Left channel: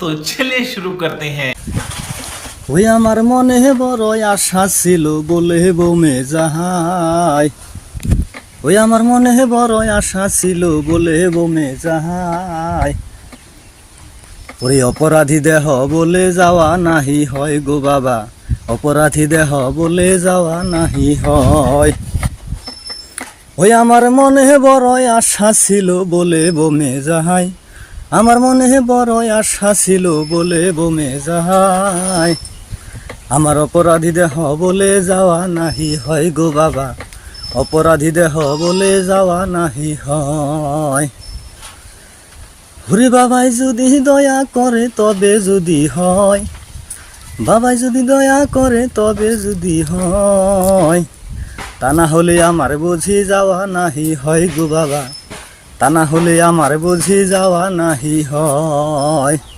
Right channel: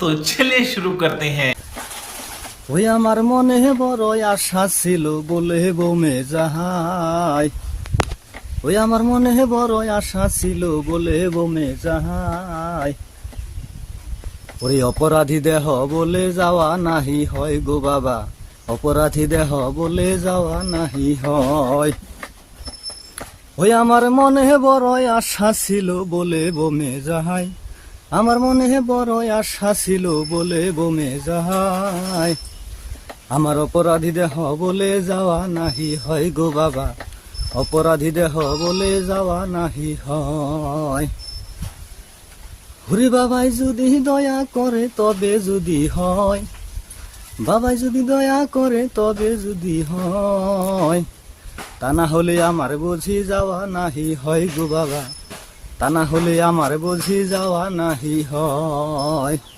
तो चलिए शुरू करते हैं। ওই আমার মনে বড় আশা ছিল বলে বৌমে যাহাই, ওই আমার মনে বড় আশা ছিল বলে বৌমে যাহাই, ওরে অপরাধী দেহ বলে যাওয়া নাহি হয় গো বাবা, অপরাধী দেহ বলে যাওয়া নাহি হয়। ওই আমার মনে বড় আশা ছিল বলে বৌমে যাহাই, আমার মনে বড় আশা ছিল বলে বৌমে যাহাই, আমার অপরাধী দেহ বলে যাওয়া নাহি হয় গো বাবা, অপরাধী দেহ বলে যাওয়া নাহি হয়। হুরে বাবাই যদি দয়া করে তবে যদি হয়, বাবাই যদি দয়া করে তবে যদি হয়, তা না হলে আমার বুঝি যাওয়া নাহি হয় গো বাবা, তা না হলে আমার বুঝি যাওয়া নাহি হয়।